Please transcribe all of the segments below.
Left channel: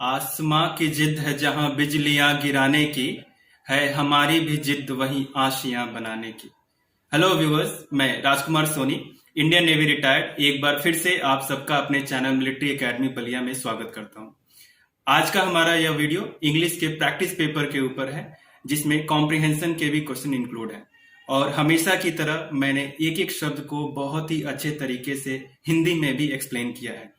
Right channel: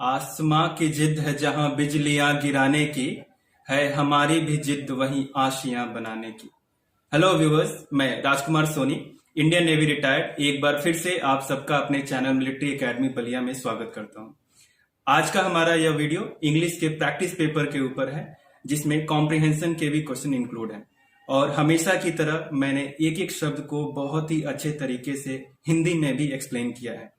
आसमां की जिद है जहां बिजलियां गिराने की, है हमारी भी जिद वहीं आशियां बनाने की। हेलो व्यूअर्स, मैं राजकुमार सोनी, इंडियन नेवी रिटायर्ड, एक बार फिर से आप सबका अपने चैनल मिलिट्री एकेडमी बलिया में स्वागत करता हूं। आज का हमारा यह वीडियो इंग्लिश के प्रैक्टिस पेपर के ऊपर है, जिसमें कॉम्प्रिहेंशन के भी क्वेश्चन इंक्लूड हैं। और हमेशा की तरह मैंने एक एक शब्द को बहुत ही अच्छे तरीके से हिंदी में भी एक्सप्लेन किया है।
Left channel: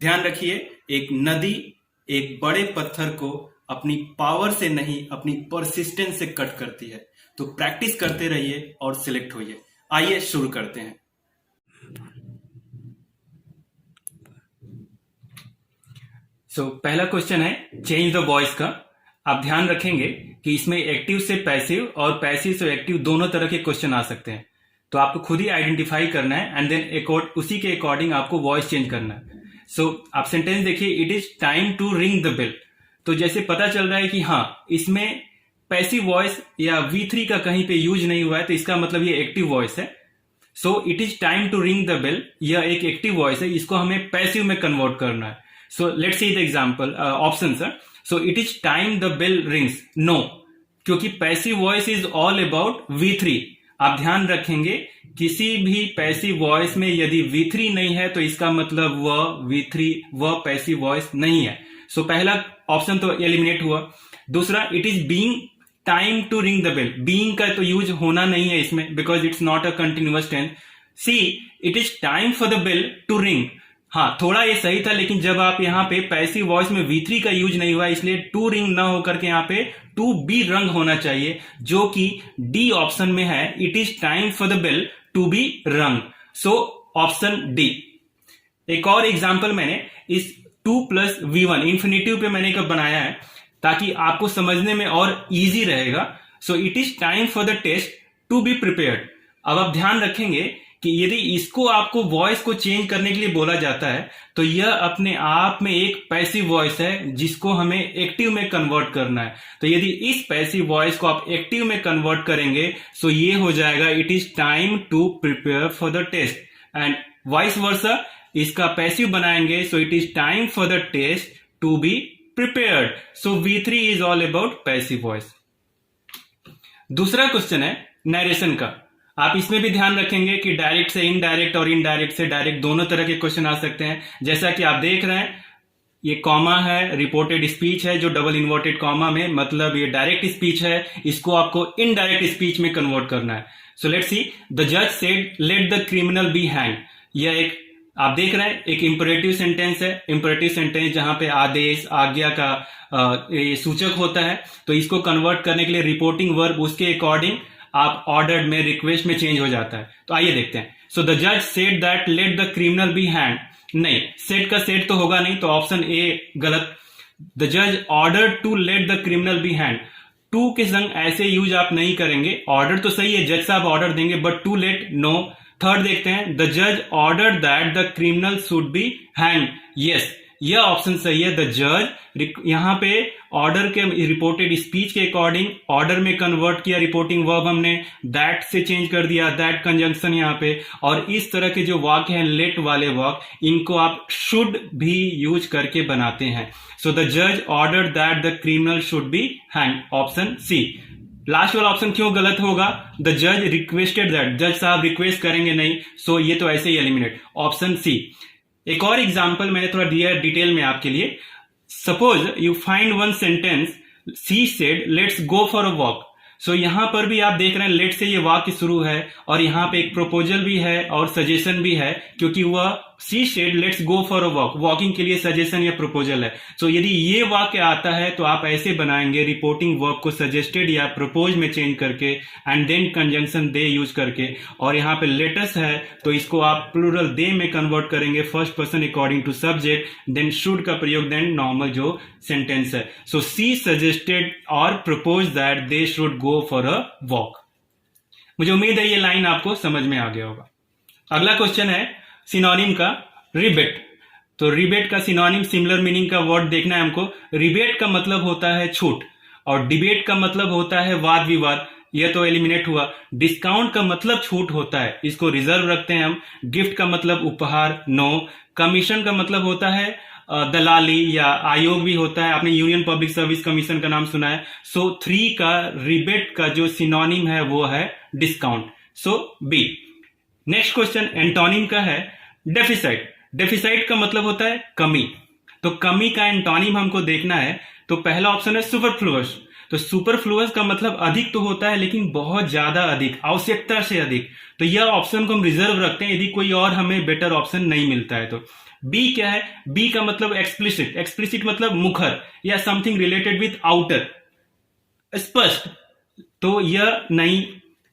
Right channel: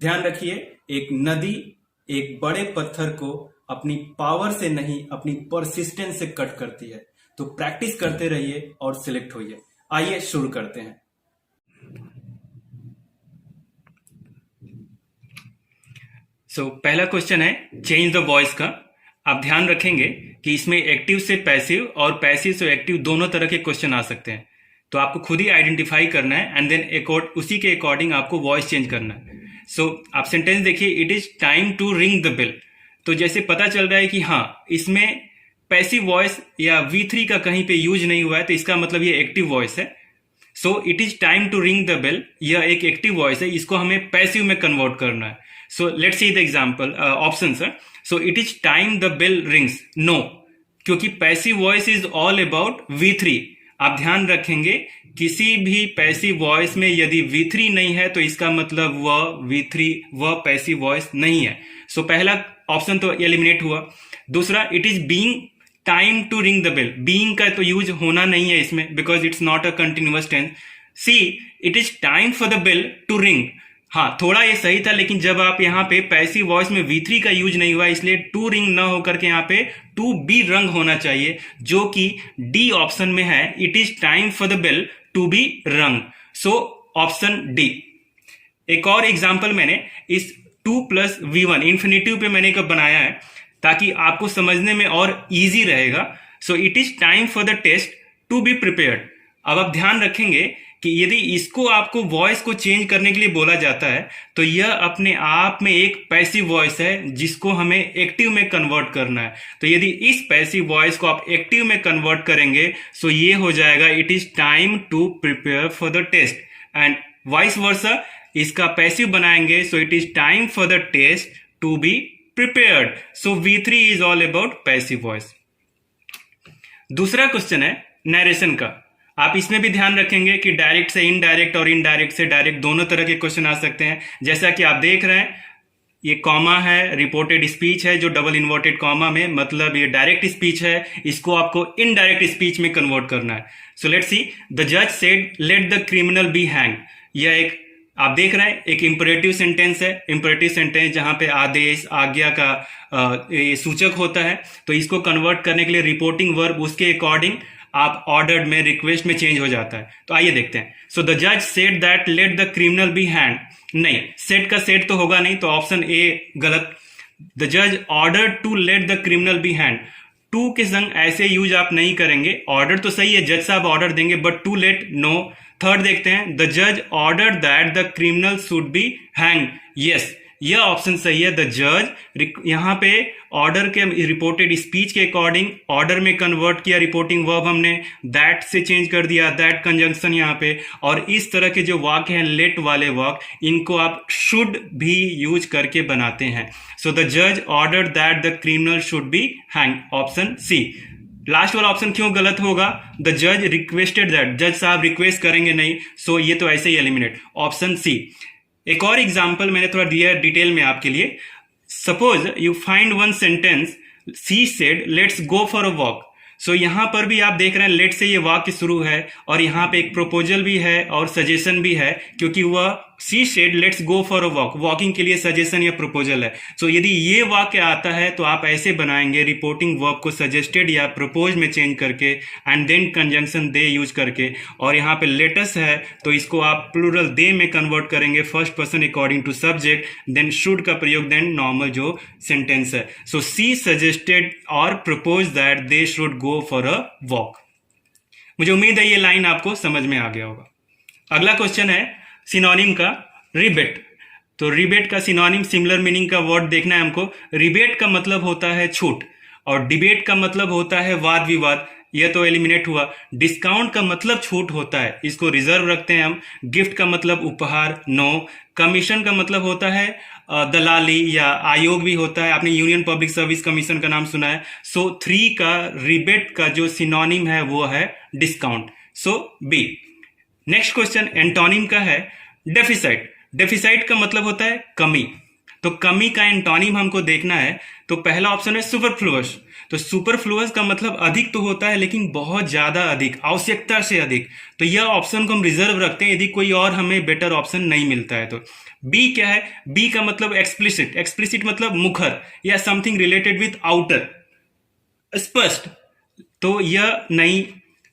ध्यान रखिए, एक नदी एक बड़े पत्थर को अपनी पावर से नहीं, अपनी परसिस्टेंस से कट करती है। तो प्रैक्टिस करते रहिए और सिलेक्ट होइए। आइए शुरू करते हैं। पहला क्वेश्चन है चेंज द वॉइस का। आप ध्यान रखेंगे कि इसमें एक्टिव से पैसिव और पैसिव से एक्टिव दोनों तरह के क्वेश्चन आ सकते हैं। तो आपको खुद ही आइडेंटिफाई करना है एंड देन उसी के अकॉर्डिंग आपको वॉइस चेंज करना है। आप सेंटेंस देखिए, it is time to ring the bell. तो जैसे पता चल रहा है कि हाँ, इसमें पैसिव वॉइस या V3 का कहीं पे यूज नहीं हुआ है, तो इसका मतलब ये एक्टिव वॉइस है। It is time to ring the bell, यह एक एक्टिव वॉइस है, इसको हमें पैसिव में कन्वर्ट करना है। Let's see the example options है। It is time the bell rings, no, क्योंकि passive voice is all about V3। आप ध्यान रखेंगे, किसी भी पैसिव वॉइस में यदि V3 नहीं है तो इसका मतलब वह पैसिव वॉइस नहीं है। पहला ऑप्शन तो एलिमिनेट हुआ। दूसरा, it is being time to ring the bell, being का तो यूज होना नहीं है इसमें, because it's not a continuous tense. See, it is time for the bell to ring. हाँ, थोड़ा ये सही था, लेकिन जब आप यहाँ पे पैसिव वॉइस में V3 का यूज नहीं हुआ, इसलिए टू रिंग ना होकर के यहाँ पे टू बी रंग होना चाहिए, जो कि डी ऑप्शन में है। It is time for the bell to be rung. Option D. एक और एग्जांपल मैंने इस 2+V1 इन्फिनेटिव पे मैंने एक बनाया है, ताकि आपको समझने में और इजी रहेगा। It is time for the test to be prepared. अब आप ध्यान रखेंगे कि यदि इसको आपको वॉइस को चेंज करने के लिए बोला जाता है, तो यह अपने आप में एक पैसिव वॉइस है, जिसको हमें एक्टिव में कन्वर्ट करना है। तो यदि इस पैसिव वॉइस को आप एक्टिव में कन्वर्ट करेंगे, ये हो जाएगा it is time to prepare for the test. And vice versa, इसका पैसिव बनाएंगे, it is time for the test to be prepared. V3 is all about passive voice. दूसरा क्वेश्चन है नरेशन का। आप इसमें भी ध्यान रखेंगे कि डायरेक्ट से इनडायरेक्ट और इनडायरेक्ट से डायरेक्ट दोनों तरह के क्वेश्चन आ सकते हैं। जैसा कि आप देख रहे हैं, ये कॉमा है, रिपोर्टेड स्पीच है, जो डबल इन्वर्टेड कॉमा में, मतलब ये डायरेक्ट स्पीच है, इसको आपको इनडायरेक्ट स्पीच में कन्वर्ट करना है। लेट्स सी, द जज said let the criminal be hang. यह एक, आप देख रहे हैं, एक इंपरेटिव सेंटेंस है। इंपरेटिव सेंटेंस जहां पे आदेश, आज्ञा का ये सूचक होता है। तो इसको कन्वर्ट करने के लिए रिपोर्टिंग वर्ब उसके अकॉर्डिंग आप ऑर्डर्ड में, रिक्वेस्ट में चेंज हो जाता है। तो आइए देखते हैं। द जज said that let the criminal be hanged. नहीं, सेड का सेड तो होगा नहीं, तो ऑप्शन ए गलत। द जज order to let the criminal be hanged. To के संग ऐसे यूज आप नहीं करेंगे। ऑर्डर तो सही है, जज साहब ऑर्डर देंगे, but to let no. Third देखते हैं, द जज order that the criminal should be hang. Yes, यह ऑप्शन सही है। द जज यहां पे ऑर्डर के रिपोर्टेड स्पीच के अकॉर्डिंग ऑर्डर में कन्वर्ट किया, रिपोर्टिंग वर्ब हमने दैट से चेंज कर दिया, दैट कंजंक्शन यहां पे। और इस तरह के जो वाक्य हैं लेट वाले वाक्य, इनको आप शुड भी यूज करके बनाते हैं। द जज order that the criminal should be hang, option C. Last वाला ऑप्शन क्यों गलत होगा? द जज रिक्वेस्टेड दैट, जज साहब रिक्वेस्ट करेंगे नहीं, ये तो ऐसे ही एलिमिनेट, ऑप्शन सी। एक और एग्जाम्पल मैंने थोड़ा दिया डिटेल में आपके लिए। Suppose you find one sentence, she said let's go for a walk. यहां पर भी आप देख रहे हैं लेट से ये वाक्य शुरू है, और यहां पे एक प्रोपोजल भी है और सजेशन भी है, क्योंकि वह she said let's go for a walk, walking के लिए सजेशन या प्रपोजल है। यदि ये वाक्य आता है तो आप ऐसे बनाएंगे, रिपोर्टिंग वर्ब को सजेस्टेड या प्रपोज में चेंज करके, एंड देन कंजंक्शन दे यूज करके। और यहाँ पे लेटस है तो इसको आप प्लूरल दे में कन्वर्ट करेंगे, first person according to subject, then should का प्रयोग, देन नॉर्मल जो सेंटेंस है। सी सजेस्टेड और propose that they should go for a walk. मुझे उम्मीद है ये लाइन आपको समझ में आ गया होगा। अगला क्वेश्चन है सिनोनिम का, रिबेट। तो रिबेट का सिनोनिम, सिमिलर मीनिंग का वर्ड देखना है हमको। रिबेट का मतलब होता है छूट, और डिबेट का मतलब होता है वाद विवाद। यह तो एलिमिनेट हुआ। डिस्काउंट का मतलब छूट होता है, इसको रिजर्व रखते हैं हम। गिफ्ट का मतलब उपहार, नो। कमीशन का मतलब होता है दलाली या आयोग भी होता है, आपने यूनियन पब्लिक सर्विस कमीशन का नाम सुना है। सो 3 का रिबेट का जो सिनोनिम है वो है डिस्काउंट, सो बी। नेक्स्ट क्वेश्चन एंटोनिम का है डेफिसाइट। डेफिसाइट का मतलब होता है कमी, तो कमी का एंटोनिम हमको देखना है। तो पहला ऑप्शन है सुपरफ्लुअस। तो सुपरफ्लुअस का मतलब अधिक तो होता है लेकिन बहुत ज्यादा अधिक, आवश्यकता से अधिक। तो यह ऑप्शन को हम रिजर्व रखते हैं यदि कोई और हमें बेटर ऑप्शन नहीं मिलता है तो। बी क्या है? बी का मतलब एक्सप्लिसिट। एक्सप्लिसिट मतलब मुखर या समथिंग रिलेटेड विथ आउटर, स्पष्ट। तो यह नहीं।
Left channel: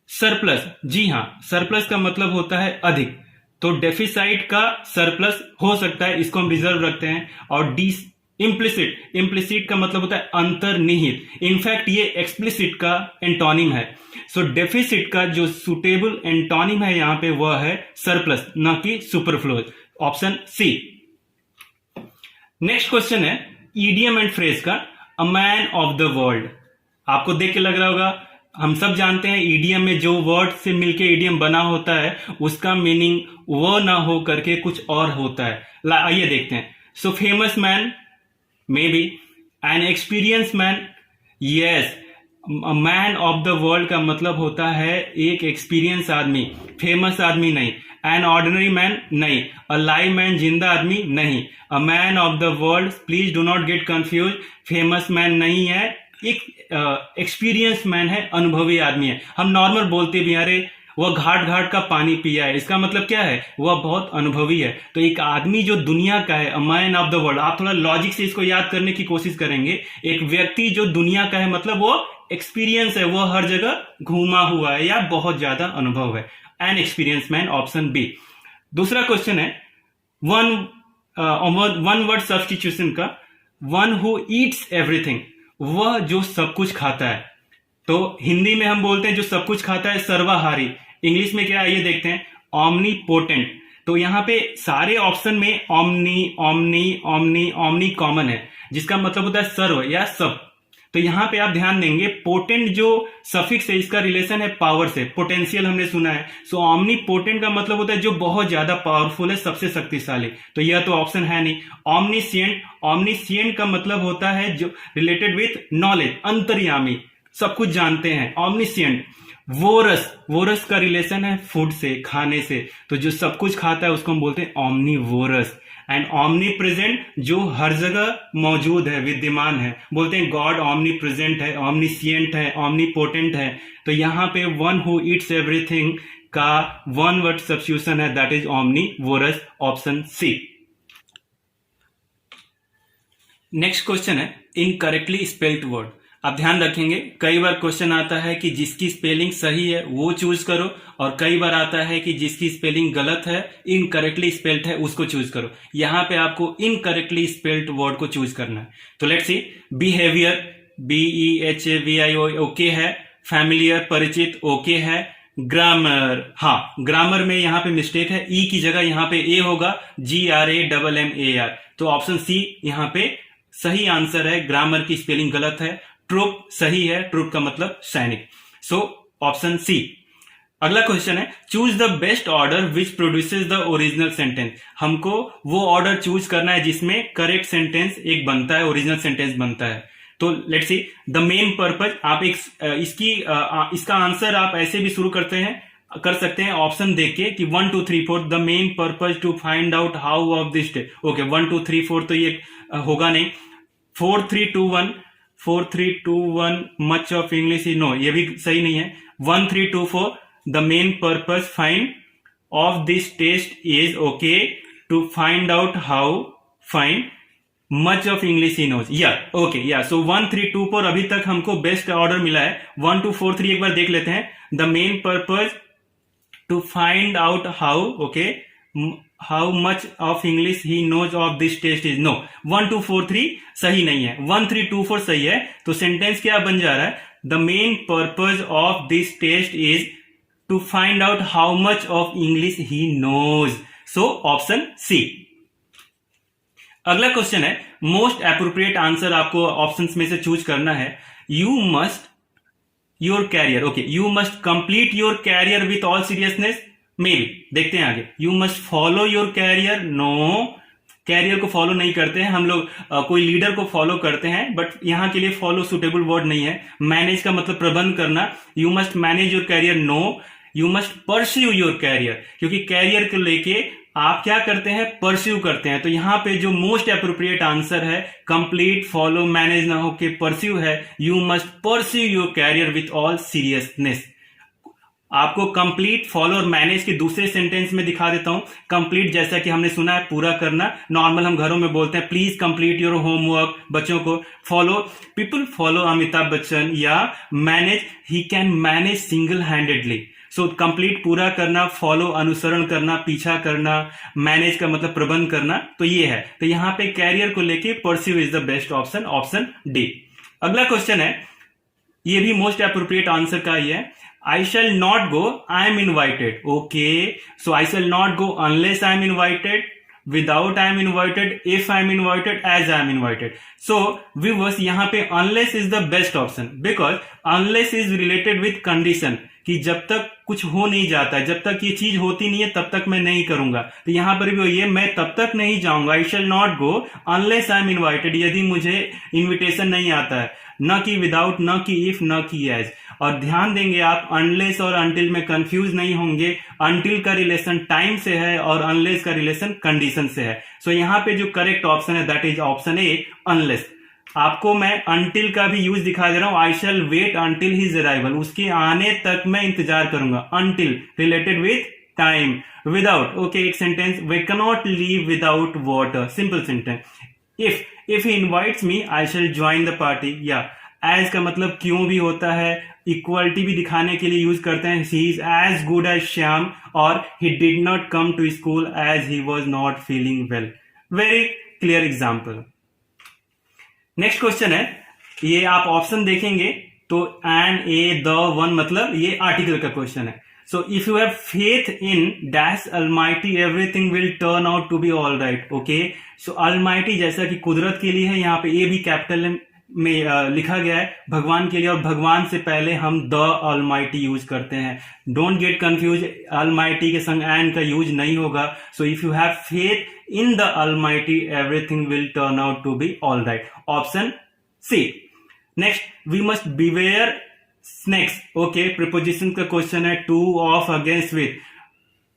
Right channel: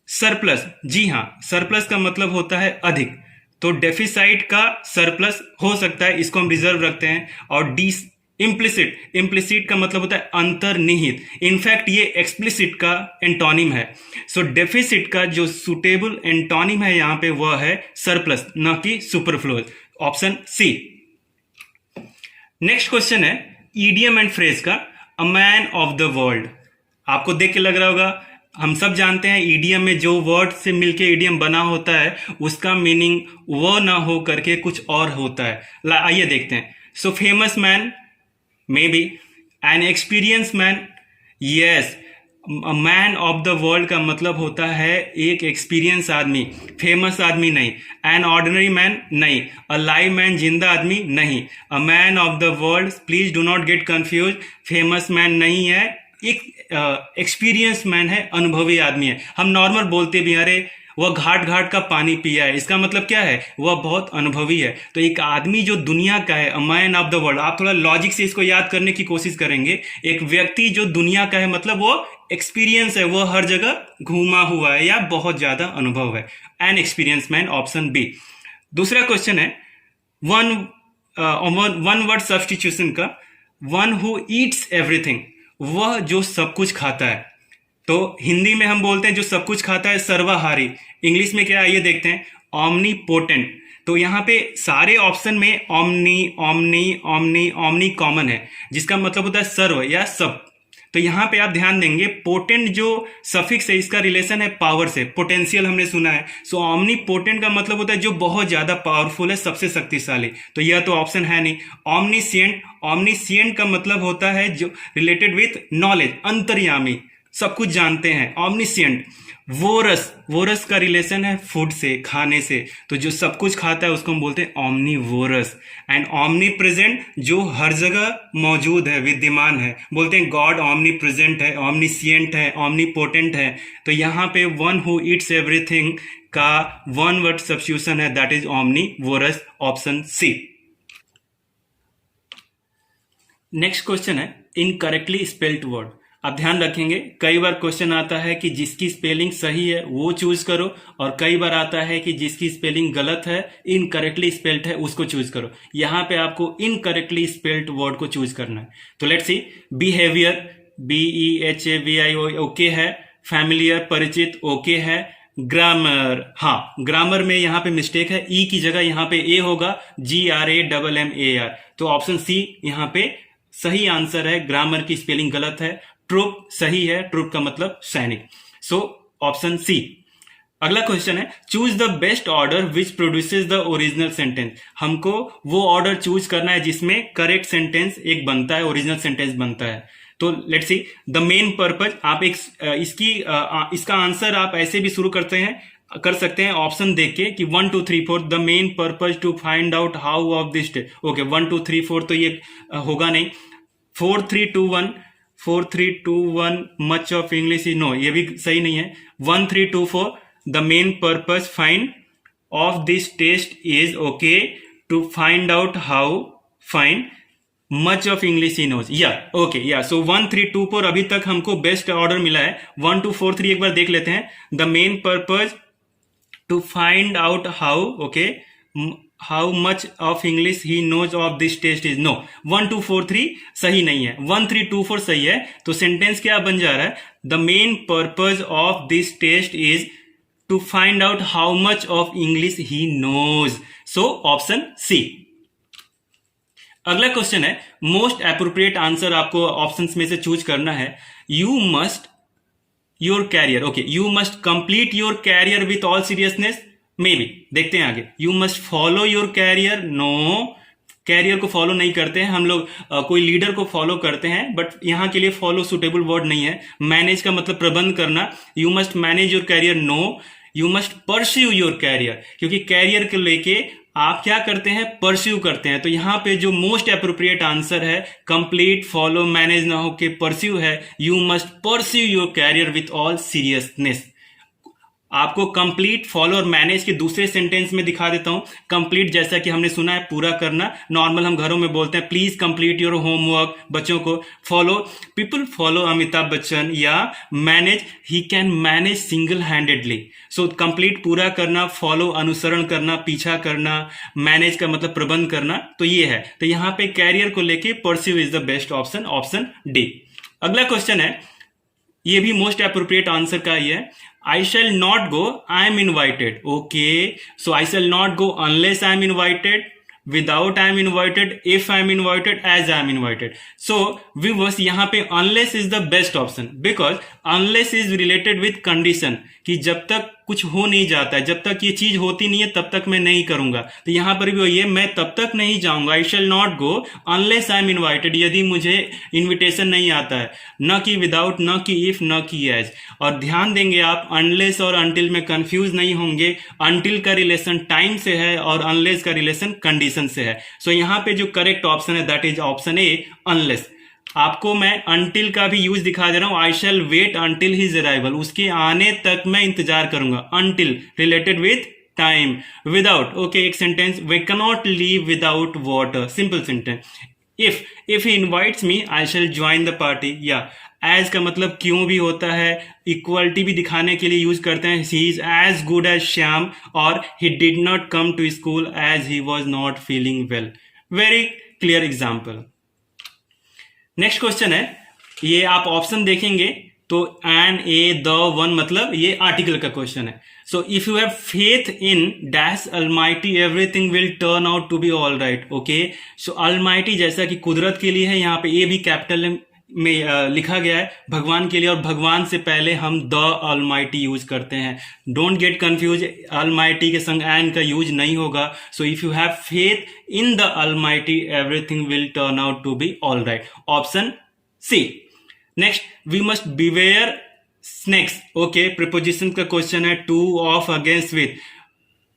सरप्लस, जी हाँ, सरप्लस का मतलब होता है अधिक, तो डेफिसाइट का सरप्लस हो सकता है, इसको हम रिजर्व रखते हैं। और डी इम्प्लिसिट। इम्प्लिसिट का मतलब होता है अंतर्निहित, इनफैक्ट ये एक्सप्लिसिट का एंटोनिम है। सो डेफिसिट का जो सुटेबल एंटोनिम है यहां पे वह है सरप्लस, न कि superfluous, option C. Next question है ईडियम एंड फ्रेज का, a man of the world. आपको देख के लग रहा होगा, हम सब जानते हैं ईडियम में जो वर्ड से मिलके ईडियम बना होता है उसका मीनिंग वो ना हो करके कुछ और होता है। आइए देखते हैं। So famous man, may be. N experience man, yes. Man of the world का मतलब होता है एक एक्सपीरियंस आदमी, फेमस आदमी नहीं। एन ऑर्डिनरी मैन, नहीं। अ लाइव मैन, जिंदा आदमी, नहीं। अ man of the world, please do not get confuse, famous man नहीं है, एक एक्सपीरियंस मैन है, अनुभवी आदमी है। हम नॉर्मल बोलते भी अरे वह घाट घाट का पानी पिया है, इसका मतलब क्या है? वह बहुत अनुभवी है। तो एक आदमी जो दुनिया का है, अ मैन ऑफ द वर्ल्ड, आप थोड़ा लॉजिक से इसको याद करने की कोशिश करेंगे। एक व्यक्ति जो दुनिया का है मतलब वो एक्सपीरियंस है, वो हर जगह घूमा हुआ है या बहुत ज्यादा अनुभव है। An experience man, option B. दूसरा क्वेश्चन है वन वन वर्ड सब्स्टिट्यूशन का, वन हु ईट्स एवरीथिंग, वह जो सब कुछ खाता है। तो हिंदी में हम बोलते हैं जो सब कुछ खाता है सर्वाहारी। इंग्लिश में क्या है ये देखते हैं, ऑमनीपोटेंट। तो यहाँ पे सारे ऑप्शन में omni omni omni omni common है, जिसका मतलब होता है सर्व या सब। तो यहाँ पे आप ध्यान देंगे पोटेंट जो सफिक्स है इसका रिलेशन है पावर से, पोटेंशियल हमने सुना है। सो ऑमनी पोटेंट का मतलब होता है जो बहुत ज्यादा पावरफुल है, सबसे शक्तिशाली। तो यह तो ऑप्शन है नहीं। ऑमनीसिएंट, ऑमनीसिएंट का मतलब होता है जो रिलेटेड विथ नॉलेज, अंतर्यामी, सब कुछ जानते हैं, ऑमनीसिएंट। वोरस, वोरस का रिलेशन है फूड से, खाने से। तो जो सब कुछ खाता है उसको हम बोलते हैं ऑमनीवोरस। एंड ऑमनी प्रेजेंट, जो हर जगह मौजूद है, विद्यमान है, बोलते हैं गॉड ऑमनी प्रेजेंट है, ऑमनीसिएंट है, ऑमनीपोटेंट है। तो यहाँ पे वन हु ईट्स एवरीथिंग का वन वर्ड सब्स्टिट्यूशन है, that is omnivorous, option C. Next question है इनकरेक्टली स्पेल्ड वर्ड। आप ध्यान रखेंगे कई बार क्वेश्चन आता है कि जिसकी स्पेलिंग सही है वो चूज करो, और कई बार आता है कि जिसकी स्पेलिंग गलत है, इनकरेक्टली स्पेल्ड है, उसको चूज करो। यहां पे आपको इनकरेक्टली स्पेल्ड वर्ड को चूज करना है। तो let's see, behaviour, BEHAVI okay है। फैमिलियर, परिचित, ओके है। ग्रामर, हाँ, ग्रामर में यहां पे मिस्टेक है, ई की जगह यहां पे ए होगा, GRAMMAR। तो ऑप्शन सी यहां पे सही आंसर है, ग्रामर की स्पेलिंग गलत है। ट्रूप सही है, ट्रूप का मतलब सैनिक। So option C. अगला क्वेश्चन है choose the best order which produces the original sentence. हमको वो ऑर्डर चूज करना है जिसमें करेक्ट सेंटेंस एक बनता है, ओरिजिनल सेंटेंस बनता है। तो let's see, the main purpose, आप एक इसका आंसर आप ऐसे भी शुरू कर सकते हैं ऑप्शन देख के कि 1 2 3 4 the main purpose to find out how of this. Okay, 1 2 3 4 तो ये होगा नहीं। 4 3 2 1, 4 3 2 1 much of English is, no, ये भी सही नहीं है। 1 3 2 4 the main purpose find of this test is, okay, to find out how find much of English he knows, या ओके, या। सो 1 3 2 4 अभी तक हमको बेस्ट ऑर्डर मिला है। 1 2 4 3 एक बार देख लेते हैं। The main purpose to find out how, okay, how much of English he knows of this test is, no. 1 2 4 3 सही नहीं है, 1 3 2 4 सही है। तो सेंटेंस क्या बन जा रहा है, the main purpose of this test is to find out how much of English he knows. So option C. अगला क्वेश्चन है मोस्ट एप्रोप्रिएट आंसर, आपको ऑप्शंस में से चूज करना है। You must your career, okay, you must complete your career with all seriousness, maybe. देखते हैं आगे। You must follow your career, no. Career को फॉलो नहीं करते हैं हम लोग, कोई लीडर को फॉलो करते हैं, बट यहाँ के लिए फॉलो सुटेबल वर्ड नहीं है। मैनेज का मतलब प्रबंध करना, you must manage your career, no you must pursue your career, क्योंकि कैरियर को लेके आप क्या करते हैं, परस्यू करते हैं। तो यहाँ पे जो मोस्ट अप्रोप्रिएट आंसर है कंप्लीट, फॉलो, मैनेज ना होके परस्यू है, you must pursue your career with all seriousness. आपको कंप्लीट, फॉलो और मैनेज के दूसरे सेंटेंस में दिखा देता हूं। कंप्लीट जैसा कि हमने सुना है पूरा करना, नॉर्मल हम घरों में बोलते हैं प्लीज कंप्लीट योर होमवर्क बच्चों को। Follow, people follow Amitabh Bachchan, या manage, he can manage single handedly. So complete पूरा करना, फॉलो अनुसरण करना, पीछा करना, मैनेज का मतलब प्रबंध करना, तो ये है। तो यहां पे कैरियर को लेके pursue is the best option, option D. अगला क्वेश्चन है, ये भी मोस्ट अप्रोप्रिएट आंसर का ही है। I shall not go, I am invited. Okay, so I shall not go unless I am invited, without I am invited, if I am invited, as I am invited. So viewers, यहाँ पे unless is the best option because unless is related with condition, कि जब तक कुछ हो नहीं जाता है, जब तक ये चीज होती नहीं है तब तक मैं नहीं करूंगा। तो यहां पर भी वही है, मैं तब तक नहीं जाऊंगा, I shall not go unless I am invited, यदि मुझे इनविटेशन नहीं आता है, न कि विदाउट, न कि इफ, न कि एज। और ध्यान देंगे आप, अनलेस और अनटिल में कंफ्यूज नहीं होंगे। अनटिल का रिलेशन टाइम से है और अनलेस का रिलेशन कंडीशन से है। सो यहां पे जो करेक्ट ऑप्शन है that is option A, unless. आपको मैं अनटिल का भी यूज दिखा दे रहा हूं, I shall wait until his arrival, उसके आने तक मैं इंतजार करूंगा। Until related with time. Without, okay, एक sentence, we can not leave without water, simple sentence. If he invites me I shall join the party, या एज का मतलब क्यों भी होता है, इक्वलिटी भी दिखाने के लिए यूज करते हैं, he is as good as Shyam, और he did not come to school as he was not feeling well. Very clear example. Next question है, ये आप ऑप्शन देखेंगे तो एन, ए, द, वन, मतलब ये आर्टिकल का क्वेश्चन है। So if you have faith in dash almighty everything will turn out to be all right. Okay, so almighty जैसा कि कुदरत के लिए है, यहाँ पे ए भी कैपिटल में लिखा गया है भगवान के लिए, और भगवान से पहले हम द अलमाइटी यूज करते हैं। डोंट गेट कंफ्यूज, अलमाइटी के संग एन का यूज नहीं होगा। So if you have faith in the almighty everything will turn out to be all right, option C. Next, we must beware snakes. Okay, preposition का question है, to, of, against, with.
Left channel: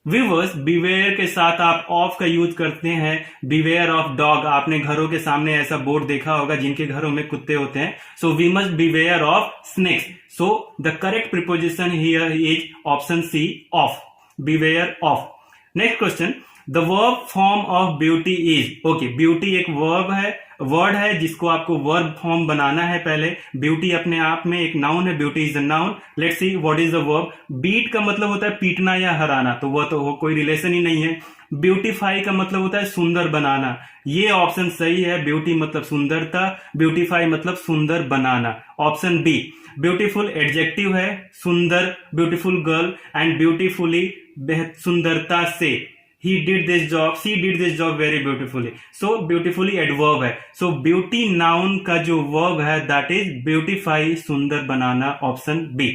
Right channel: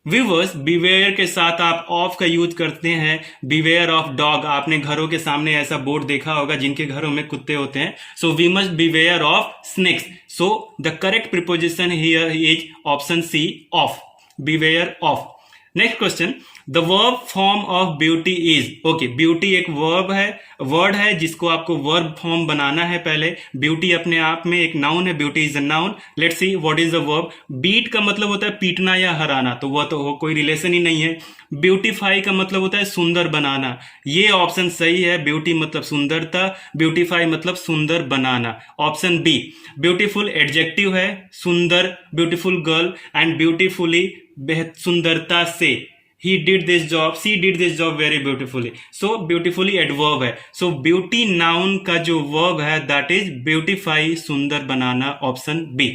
Viewers, beware के साथ आप of का use करते हैं, beware of dog. आपने घरों के सामने ऐसा बोर्ड देखा होगा जिनके घरों में कुत्ते होते हैं। So we must beware of snakes. So the correct preposition here is option C, of, beware of. Next question, the verb form of beauty is. Okay, beauty एक वर्ब है, वर्ड है जिसको आपको वर्ब फॉर्म बनाना है पहले। Beauty अपने आप में एक नाउन है, beauty is a noun. Let's see what is the verb. Beat का मतलब होता है पीटना या हराना, तो वह तो कोई रिलेशन ही नहीं है। ब्यूटीफाई का मतलब होता है सुंदर बनाना, ये ऑप्शन सही है। ब्यूटी मतलब सुंदरता, ब्यूटीफाई मतलब सुंदर बनाना, ऑप्शन बी। ब्यूटीफुल एडजेक्टिव है, सुंदर, ब्यूटीफुल गर्ल, एंड ब्यूटीफुली बेहद सुंदरता से। He did this job, she did this job very beautifully. So beautifully adverb है। So beauty noun का जो verb है that is beautify, सुंदर बनाना, ऑप्शन बी।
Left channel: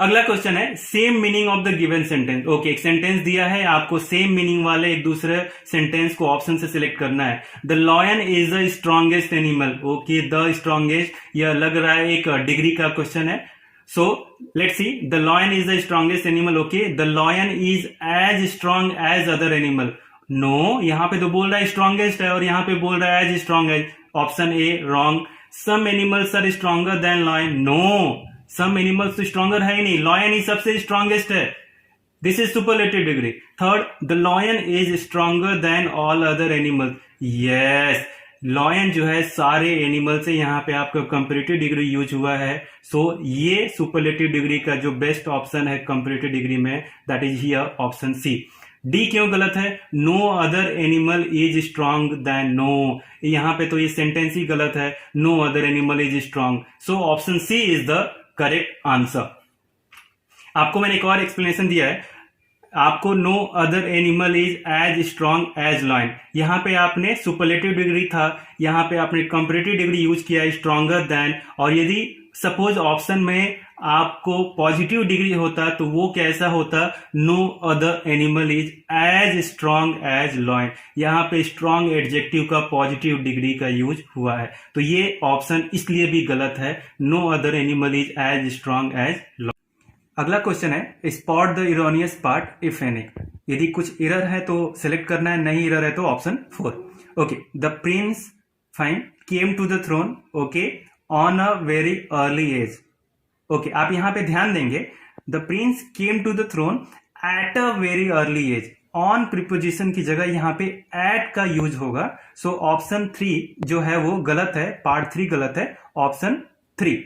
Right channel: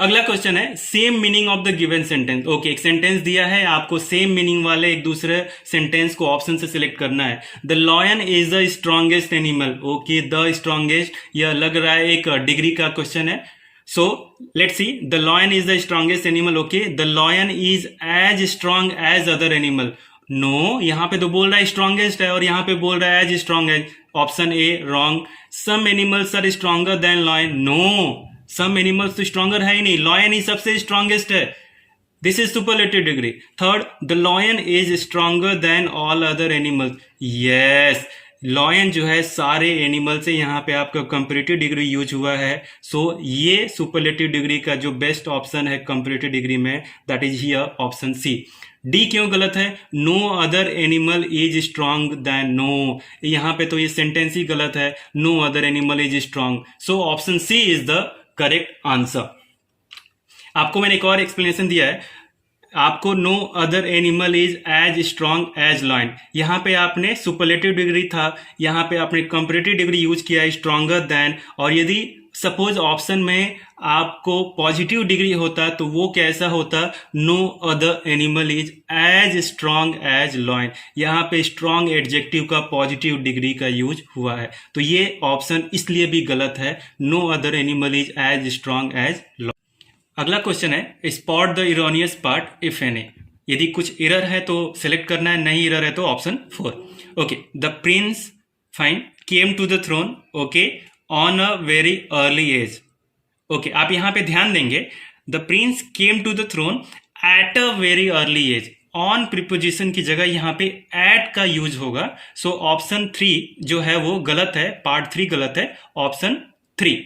अगला क्वेश्चन है, same meaning of the given sentence. Okay, एक सेंटेंस दिया है आपको, सेम मीनिंग वाले एक दूसरे सेंटेंस को ऑप्शन से सिलेक्ट करना है। The lion is the strongest animal. Okay, the strongest, यह लग रहा है एक डिग्री का क्वेश्चन है। So let's see, the lion is the strongest animal. Okay, the lion is as strong as other animal. No, यहाँ पे तो बोल रहा है strongest है और यहाँ पे बोल रहा है as strong as. Option A wrong. Some animals are stronger than lion. No, some animals तो stronger है ही नहीं, lion ही सबसे strongest है. This is superlative degree. Third, the lion is stronger than all other animals. Yes. Lion जो है सारे animal से यहाँ पे आपका कंपैरेटिव डिग्री यूज हुआ है। सो ये सुपरलेटिव डिग्री का जो बेस्ट ऑप्शन है कंपैरेटिव डिग्री में, that is here option C. D क्यों गलत है? No other animal is strong than. No, यहाँ पे तो ये सेंटेंस ही गलत है, no other animal is strong. So option C is the correct answer. आपको मैंने एक और एक्सप्लेनेशन दिया है, आपको no other animal is as strong as lion, यहाँ पे आपने सुपरलेटिव डिग्री था, यहाँ पे आपने कंपैरेटिव डिग्री यूज किया स्ट्रांगर देन, और यदि सपोज ऑप्शन में आपको पॉजिटिव डिग्री होता तो वो कैसा होता, no other animal is as strong as lion, यहाँ पे स्ट्रांग एडजेक्टिव का पॉजिटिव डिग्री का यूज हुआ है, तो ये ऑप्शन इसलिए भी गलत है, no other animal is as strong as lion. अगला क्वेश्चन है spot the erroneous part if any, यदि कुछ एरर है तो सिलेक्ट करना है, नहीं एरर है तो option 4। Okay, the prince fine came to the throne, okay, on a very early age. Okay, आप यहां पे ध्यान देंगे the prince came to the throne at a very early age, on preposition की जगह यहां पे एट का यूज होगा, सो ऑप्शन 3 जो है वो गलत है, पार्ट 3 गलत है, ऑप्शन 3।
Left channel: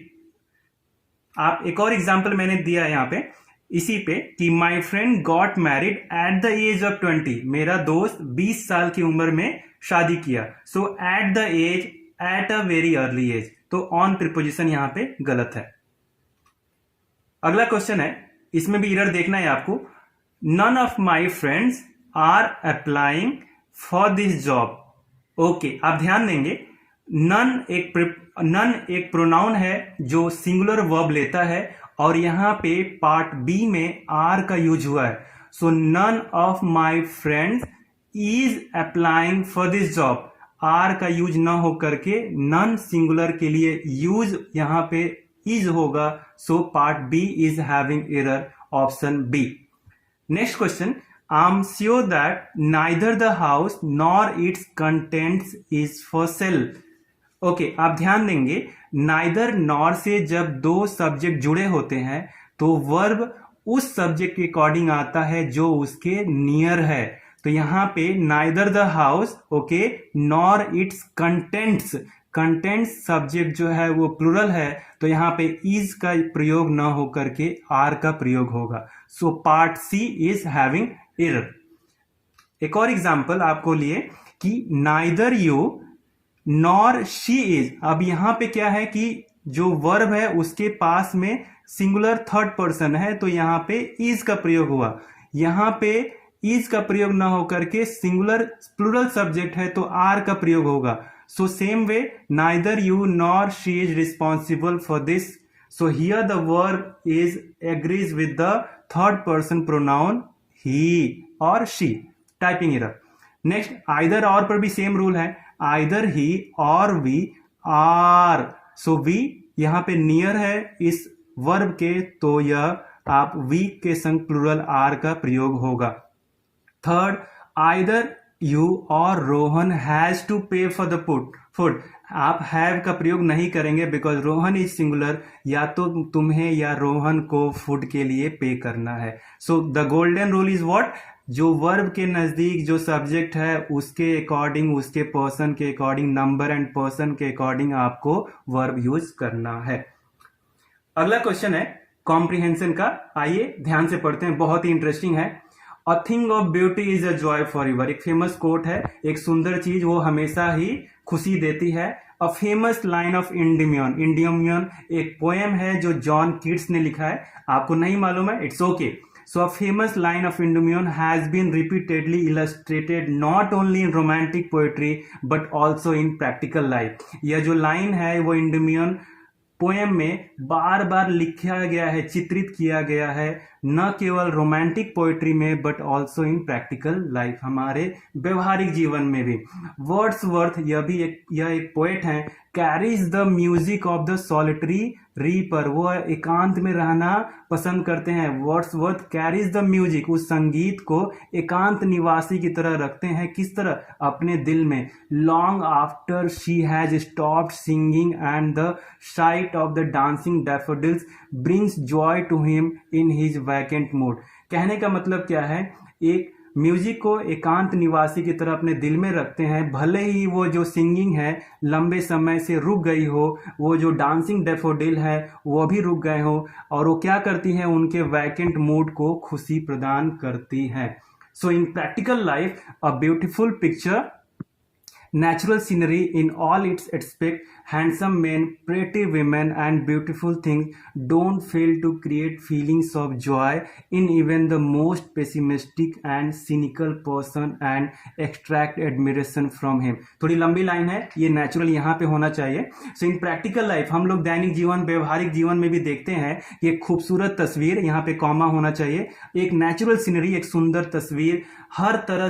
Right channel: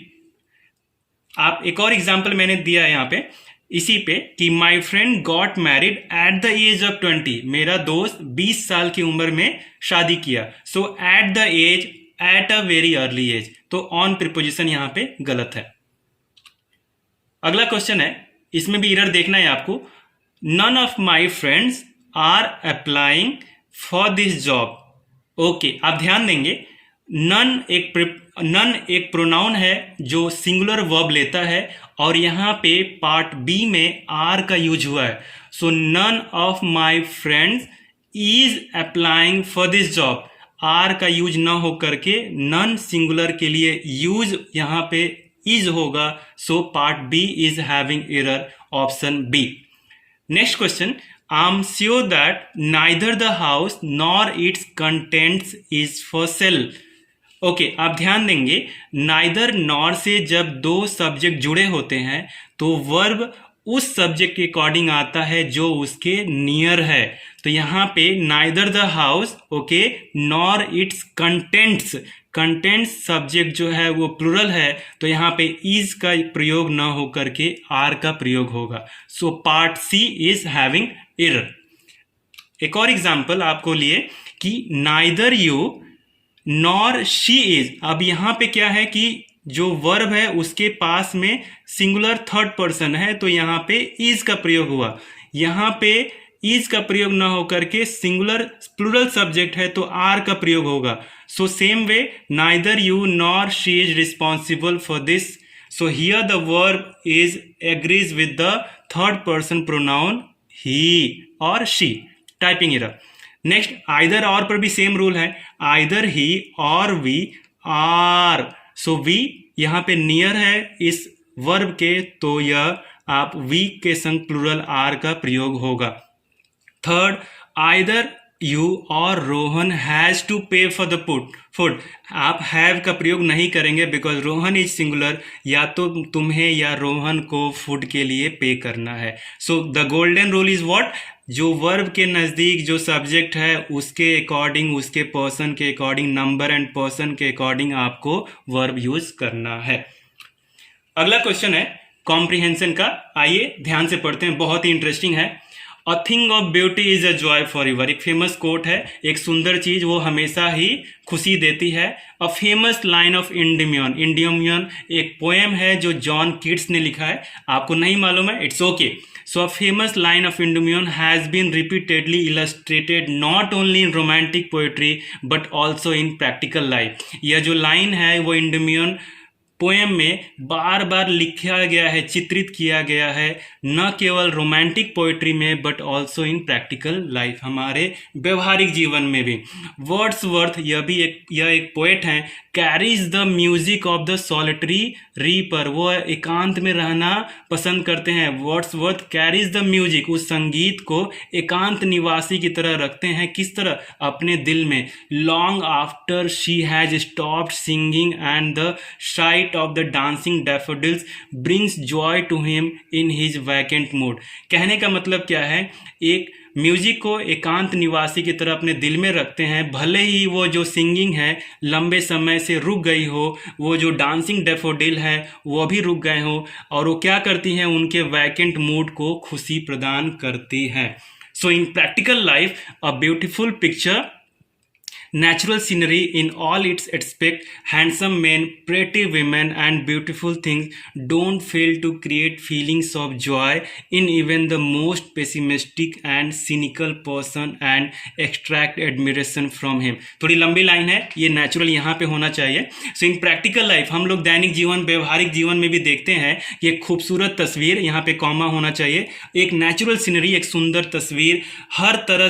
आप एक और एग्जाम्पल मैंने दिया है यहाँ पे इसी पे कि my friend got married at the age of 20, मेरा दोस्त 20 साल की उम्र में शादी किया, so at the age at a very early age, तो ऑन प्रीपोजिशन यहाँ पे गलत है। अगला क्वेश्चन है, इसमें भी एरर देखना है आपको, none of my friends are applying for this job. Okay, आप ध्यान देंगे नन एक प्रोनाउन है जो सिंगुलर वर्ब लेता है, और यहां पे पार्ट बी में आर का यूज हुआ है, so none of my friends is applying for this job, are का यूज ना हो करके नन सिंगुलर के लिए यूज यहां पे इज होगा, so part B is having error, option B. Next question, I am sure that neither the house nor its contents is for sale. Okay, आप ध्यान देंगे नाइदर नॉर से जब दो सब्जेक्ट जुड़े होते हैं तो वर्ब उस सब्जेक्ट के अकॉर्डिंग आता है जो उसके नियर है, तो यहाँ पे neither the house, okay, nor its contents, contents subject जो है वो प्लूरल है, तो यहाँ पे इज का प्रयोग ना हो करके आर का प्रयोग होगा, so part C is having error. एक और एग्जांपल आपको लिए कि neither you nor she is, अब यहां पे क्या है कि जो वर्ब है उसके पास में सिंगुलर थर्ड पर्सन है, तो यहां पे इज का प्रयोग हुआ, यहां पे इज का प्रयोग ना होकर के सिंगुलर प्लूरल सब्जेक्ट है तो आर का प्रयोग होगा, so same way neither you nor she is responsible for this, so here the verb is agrees with the third person pronoun he और she, typing error. Next, either or पर भी same rule है, either he or we are, so we यहाँ पे near है इस verb के, तो यह आप वी के संग प्लूरल आर का प्रयोग होगा। थर्ड, आइदर यू और रोहन हैज टू पे फॉर द फूड, आप हैव का प्रयोग नहीं करेंगे बिकॉज रोहन इज सिंगुलर, या तो तुम्हें या रोहन को फूड के लिए पे करना है, so the golden rule is what, जो वर्ब के नज़दीक जो सब्जेक्ट है उसके अकॉर्डिंग, उसके पर्सन के अकॉर्डिंग, नंबर एंड पर्सन के अकॉर्डिंग आपको वर्ब यूज करना है। अगला क्वेश्चन है कॉम्प्रिहेंशन का, आइए ध्यान से पढ़ते हैं, बहुत ही इंटरेस्टिंग है। अ thing of beauty is a joy for ever, एक फेमस कोट है, एक सुंदर चीज वो हमेशा ही खुशी देती है। अ फेमस लाइन ऑफ इंडिमियन, इंडिमियन एक पोएम है जो जॉन कीट्स ने लिखा है, आपको नहीं मालूम है, it's okay. So a famous line of Endymion has been repeatedly illustrated not only in romantic poetry but also in practical life. यह जो लाइन है वो इंडिमियन पोएम में बार बार लिखा गया है, चित्रित किया गया है, न केवल रोमांटिक पोइट्री में but also in practical life, हमारे व्यवहारिक जीवन में भी। वर्ड्सवर्थ यह एक पोएट हैं, carries the music of the solitary reaper, वो एकांत में रहना पसंद करते हैं। वर्ड्सवर्थ कैरीज द म्यूजिक, उस संगीत को एकांत निवासी की तरह रखते हैं, किस तरह, अपने दिल में। Long after she has stopped singing and the sight of the dancing daffodils brings joy to him in his vacant mood. कहने का मतलब क्या है, एक म्यूजिक को एकांत निवासी की तरह अपने दिल में रखते हैं, भले ही वो जो सिंगिंग है लंबे समय से रुक गई हो, वो जो डांसिंग डैफोडिल है वो भी रुक गए हो, और वो क्या करती हैं, उनके वैकेंट मूड को खुशी प्रदान करती हैं। So in practical life a beautiful picture natural scenery in all its aspects, handsome men, pretty women, and beautiful things don't fail to create feelings of joy in even the most pessimistic and cynical person and extract admiration from him. थोड़ी लंबी line है, ये natural यहाँ पे होना चाहिए. सो in practical life हम लोग दैनिक जीवन, व्यवहारिक जीवन में भी देखते हैं कि एक खूबसूरत तस्वीर, यहाँ पे कॉमा होना चाहिए, एक नेचुरल सीनरी, एक सुंदर तस्वीर, हर तरह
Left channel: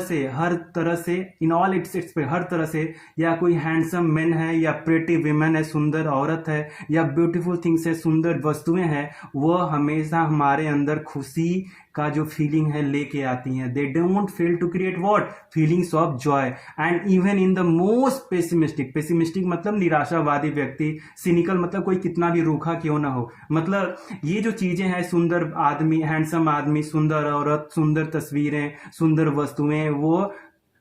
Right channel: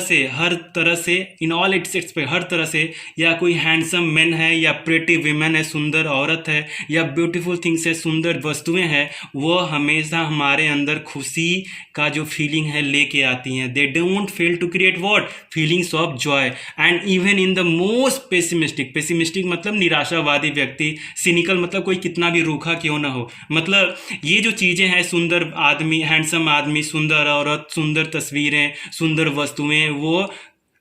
से इन ऑल इट्स पे, हर तरह से, या कोई हैंडसम मैन है, या प्रेटी विमेन है, सुंदर औरत है, या ब्यूटीफुल थिंग्स है, सुंदर वस्तुएं हैं, वो हमेशा हमारे अंदर खुशी का जो फीलिंग है लेके आती हैं. They don't fail to create what, feelings of joy. And even in the most pessimistic मतलब निराशावादी व्यक्ति, सिनिकल मतलब कोई कितना भी रूखा क्यों ना हो, मतलब ये जो चीज़ें हैं, सुंदर आदमी, हैंडसम आदमी, सुंदर औरत, सुंदर तस्वीरें, सुंदर वस्तुएं, वो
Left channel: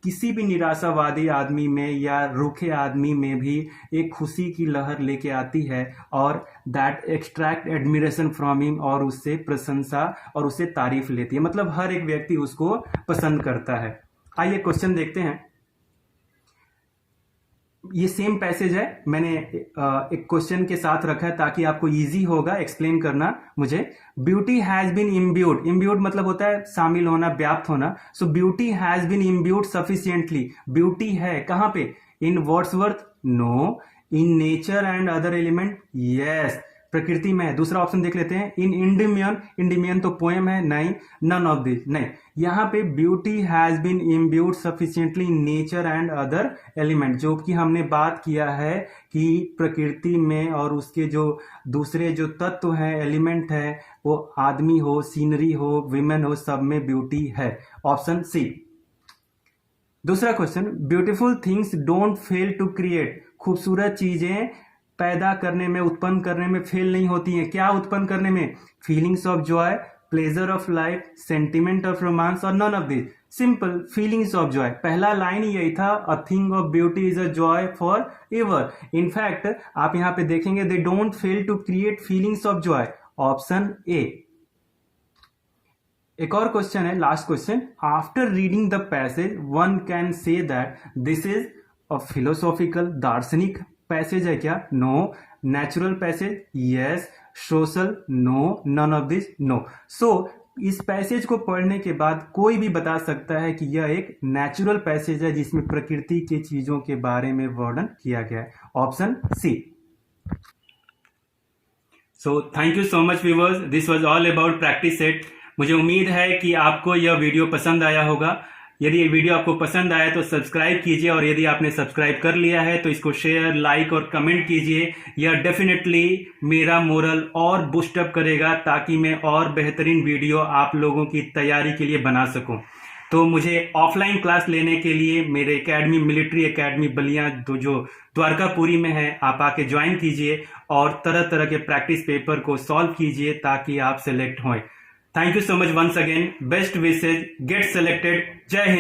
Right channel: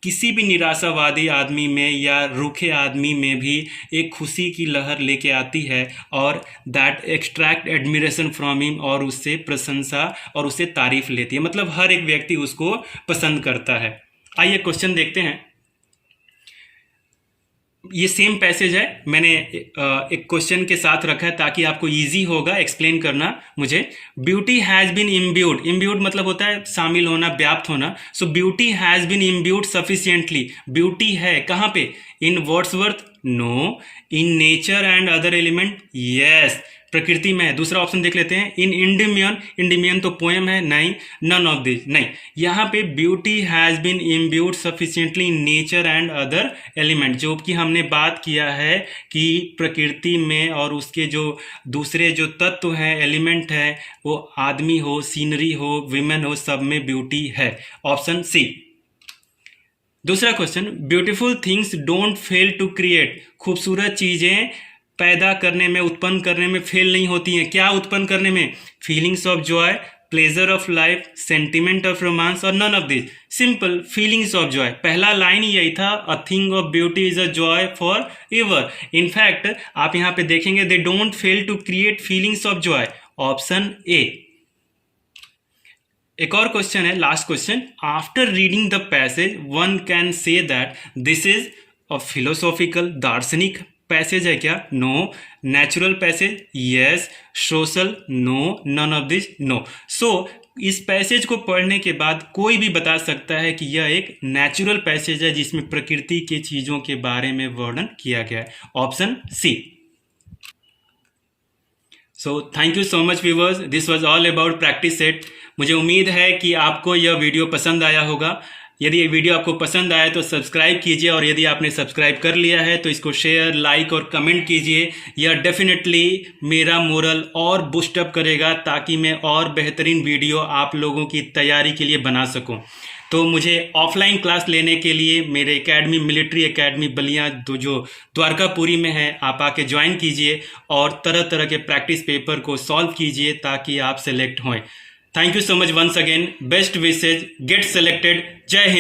किसी भी निराशावादी आदमी में या रूखे आदमी में भी एक खुशी की लहर लेके आती है, और that extract admiration from him, और उससे प्रशंसा और उससे तारीफ लेती है, मतलब हर एक व्यक्ति उसको पसंद करता है. आइए क्वेश्चन देखते हैं. ये सेम पैसेज है, मैंने एक क्वेश्चन के साथ रखा है ताकि आपको इजी होगा एक्सप्लेन करना मुझे. ब्यूटी हैज़ बीन इम्ब्यूड मतलब होता है शामिल होना, व्याप्त होना. So beauty has been imbued sufficiently, beauty है कहाँ पे, in Wordsworth, no. In nature and other element, yes, प्रकृति में है. दूसरा ऑप्शन देख लेते हैं. इन इंडिमियन तो पोएम है, नहीं. नन ऑफ दिस, नहीं. यहाँ पे beauty has been imbued sufficiently in nature and other element, जो कि हमने बात किया है कि प्रकृति में और उसके जो दूसरे जो तत्व हैं, एलिमेंट है, वो आदमी हो, सीनरी हो, विमेन हो, सब में ब्यूटी है. Option C. दूसरा question, beautiful things don't fail to create, खूबसूरत चीज़ें पैदा करने में, उत्पन्न करने में फेल नहीं होती हैं. क्या उत्पन्न करने में, feelings of joy, pleasure of life, sentiment of romance, or none of this. Simple, feelings of joy. पहला लाइन ही यही था, a thing of beauty is a joy forever. In fact आप यहाँ पे देखेंगे, they don't fail to create feelings of joy. Option A. एक और क्वेश्चन है, last question. After reading the passage one can say that this is a philosophical, दार्शनिक passage है क्या, no. Natural passage, yes. Social, no. None of this, no. सो इस passage को पढ़ने के बाद कोई भी बता सकता है कि यह एक नेचुरल पैसेज है जिसमें प्रकृति के चीजों के बारे में वर्णन किया गया है. Option C. So thank you so much viewers, this was all about practice set. मुझे उम्मीद है कि आपको यह वीडियो पसंद आया होगा. यदि ये वीडियो आपको पसंद आया तो सब्सक्राइब कीजिए, और यदि आपने सब्सक्राइब कर लिया है तो इसको शेयर, लाइक और कमेंट कीजिए. यह डेफिनेटली मेरा मोरल और बूस्टअप करेगा ताकि मैं और बेहतरीन वीडियो आप लोगों की तैयारी के लिए बना सकूं. तो मुझे ऑफलाइन क्लास लेने के लिए मेरे एकेडमी, मिलिट्री एकेडमी बलिया, जो द्वारकापुरी में है, आप आके ज्वाइन कीजिए और तरह तरह के प्रैक्टिस पेपर को सॉल्व कीजिए ताकि आप सेलेक्ट हों. Thank you so much once again. Best wishes. Get selected. Jai Hind.